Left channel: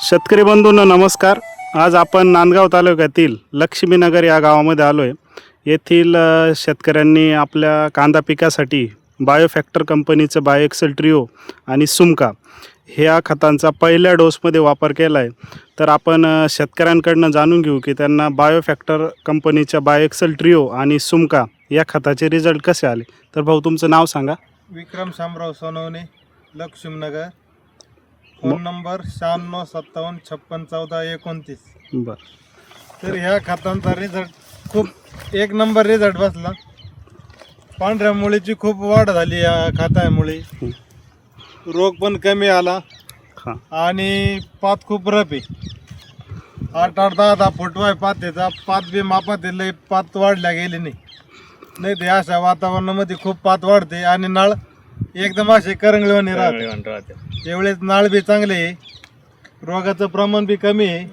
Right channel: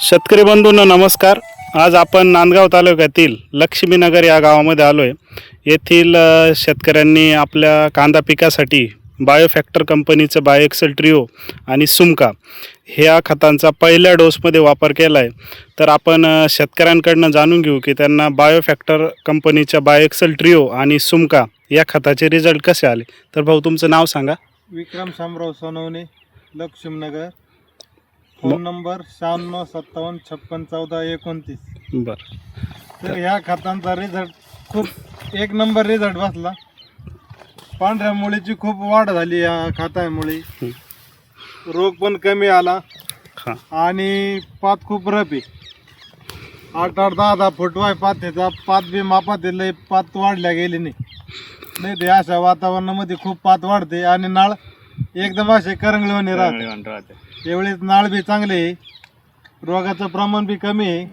शेतकरी बंधूंनो नमस्कार. आज आपण नांदगाव तालुक्यातील लक्ष्मीनगर या गावामध्ये आलो आहे. येथील शेतकऱ्यांनी आपल्या कांदा पिकासाठी बायोफॅक्टर कंपनीचं बायोएक्सेल ट्रिओ आणि सुमका ह्या खतांचा पहिल्या डोसमध्ये वापर केला आहे. तर आपण शेतकऱ्यांकडनं जाणून घेऊ की त्यांना बायोफॅक्टर कंपनीच्या बायोएक्सेल ट्रिओ आणि सुमका या खताचे रिझल्ट कसे आले. तर भाऊ तुमचं नाव सांगा. विक्रम शामराव सोनवणे, लक्ष्मीनगर. Phone number 9657561429. बरं. तर ह्या खतांचा रिझल्ट खूप एक नंबर रिझल्ट बसला. पांढऱ्या मुळीची खूप वाढ झाली या खतामुळे. रोग पण कमी आला हां आणि पात खूप रफ आहे. 8-8, 10-10 फूट वाय पात त्याचा पात बी मापात लय पात वाढल्या गेली नाही ते अशा वातावरणामध्ये खूप पात वाढते आणि नाळ एकदम असे करंगळवणी राहते. एवढेच नाळ बी चांगले आहे. रोगाचं प्रमाण बी कमी आहे.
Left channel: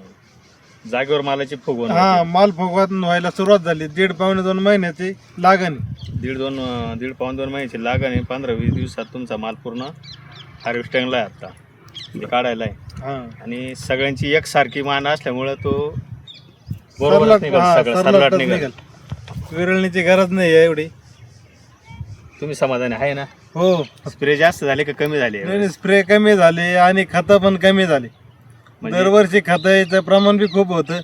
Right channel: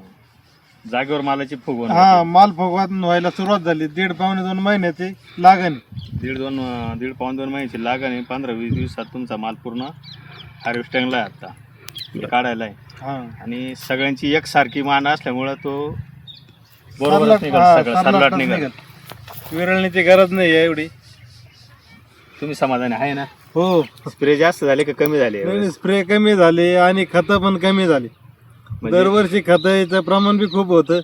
जागेवर मालाची फुगवण माल फुगवण व्हायला सुरुवात झाली. 1.5-2 महिन्याची लागण. 1.5-2 महिन्याची लागण आहे. 15-20 दिवसात तुमचा माल पूर्ण हार्वेस्टिंगला आहे. आता काढायला आहे. आणि सगळ्यांची एकसारखी मान असल्यामुळं तो बरोबर सरलाट निघेल. विरळण्याची गरज नाही आहे एवढी. तुम्ही समाधानी आहे ना? हो. स्प्रे जास्त झाले का कमी झाले? स्प्रे कमी झाले आणि खतं पण कमी झाली. दरवर्षी खताचं प्रमाण बी खूप होतं.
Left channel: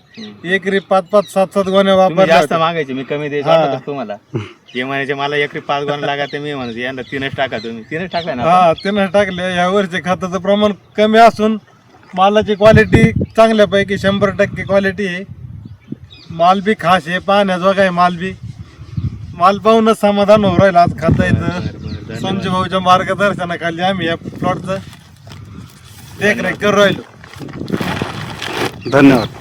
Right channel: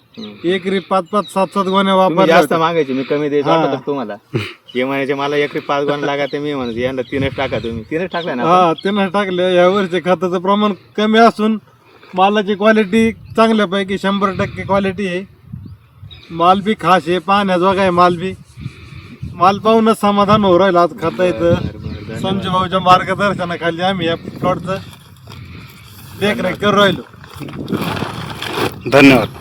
एकरी 5-5, 7-7 गोण्या वापर जास्त मागायचे. मी कमी द्यायचं तुम्हाला. हे महिन्याचे मला एकरी 5 गोण्या लागायचे. मी म्हणतो यांना 3च टाका. तुम्ही 3च टाकल्या ना? 3च टाकले. यावर्षी खताचं प्रमाण कमी असून मालाची क्वालिटी चांगल्यापैकी 100% क्वालिटी आहे. माल बी खास आहे. पाहण्याजोगा आहे माल बी. माल पाहूनच समाधान होऊ राहिलं. आज खाता येतं. संजय भाऊच्या मार्गदर्शनाखाली आम्ही या प्लॉटचं देखरेख करू राहिलो. धन्यवाद.